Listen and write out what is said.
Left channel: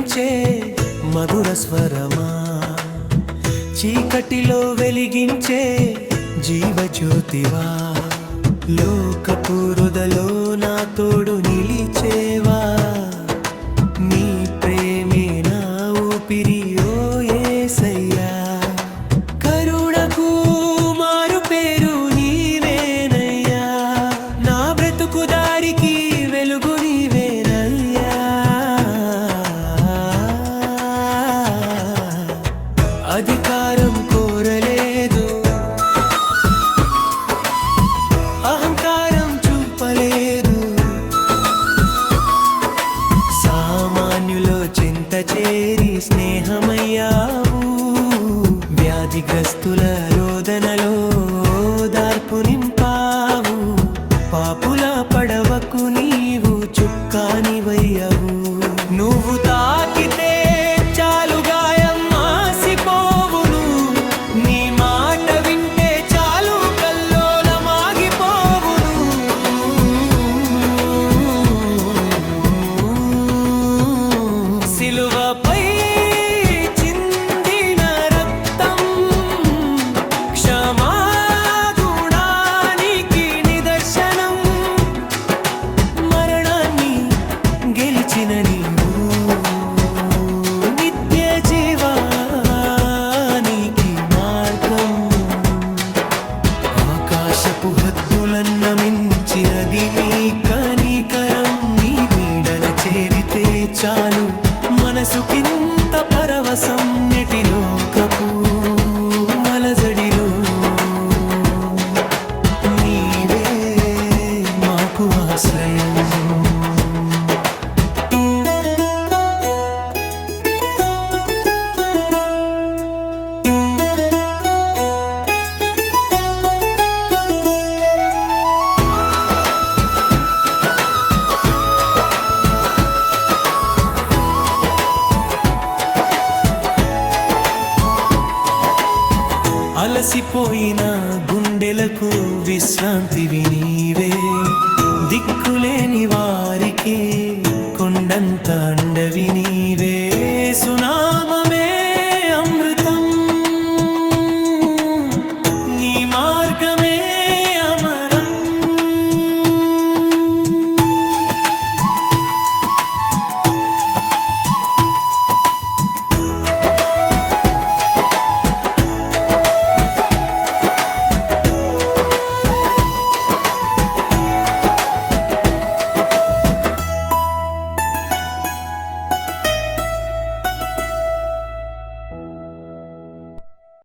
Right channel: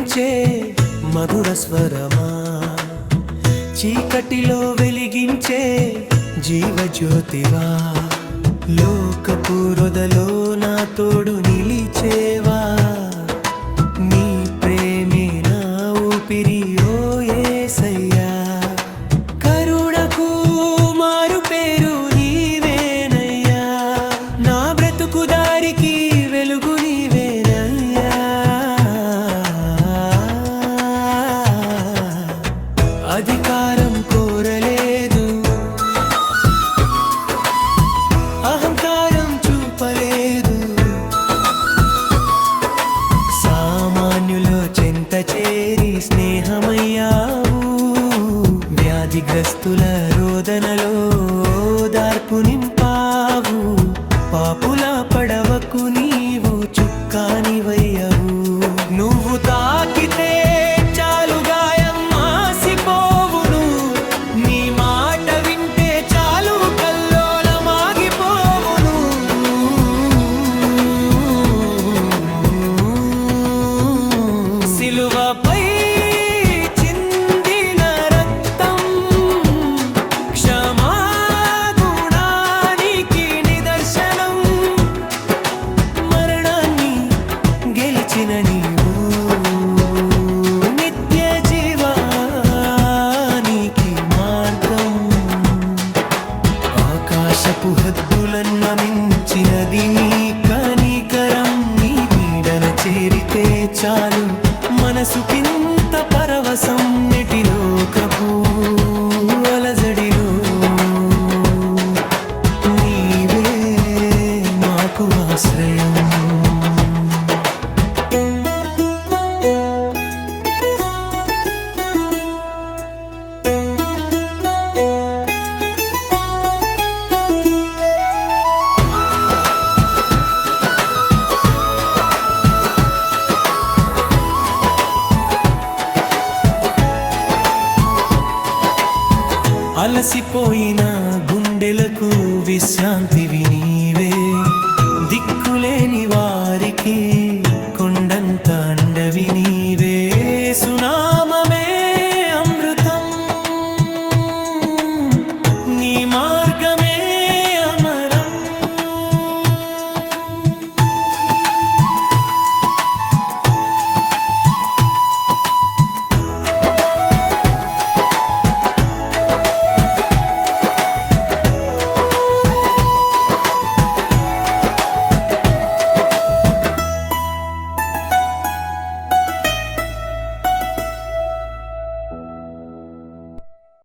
వినిపించే మధుర స్వరమా, చీకటిలో వెలిగించే జీవజ్యోతివా, లోకపు రొదలో నా తోడు నిలిచేవా, నీ ప్రేమే నా ఊపిరి ఓ యేసయ్యా, కరుణకు మారు పేరు నీవేనయ్యా, నా బ్రతుకు దారికి వెలుగు నీవేనయ్యా. అధికారం కోరలేదు, అహంకారం చూపలేదు, సామాన్యులో చెంత చేరి స్నేహమయ్యావు, వ్యాధిగ్రస్తుల రోదనలో దార్పు నింపావు, పాపుల పడవకు నీవు చుక్కానివయ్యవు, నువ్వు తాకితే చాలు గాయం మాసిపోవును, నీ మాట వింటే చాలు కల్లోలమాగిపోవును, సిలువపై చిందిన రక్తం క్షమాగుణానికి నిదర్శనం, మరణాన్ని గెలిచిన నీవు నిత్య జీవానికి మార్గం, ఆకాశపు హద్దులన్న మించినది నీ కనికరం, నీ నీడన చేరితే చాలు మనసుకింత పరవశం, నెటి లోకపు అలజడిలో నీవే మాకు ఆశ్రయం. అలసిపోయిన గుండెలకు విశ్రాంతివి నీవే, దిక్కులేని వారికి కొండంత అండవి నీవే, సునామమే అమృతం, నీ మార్గమే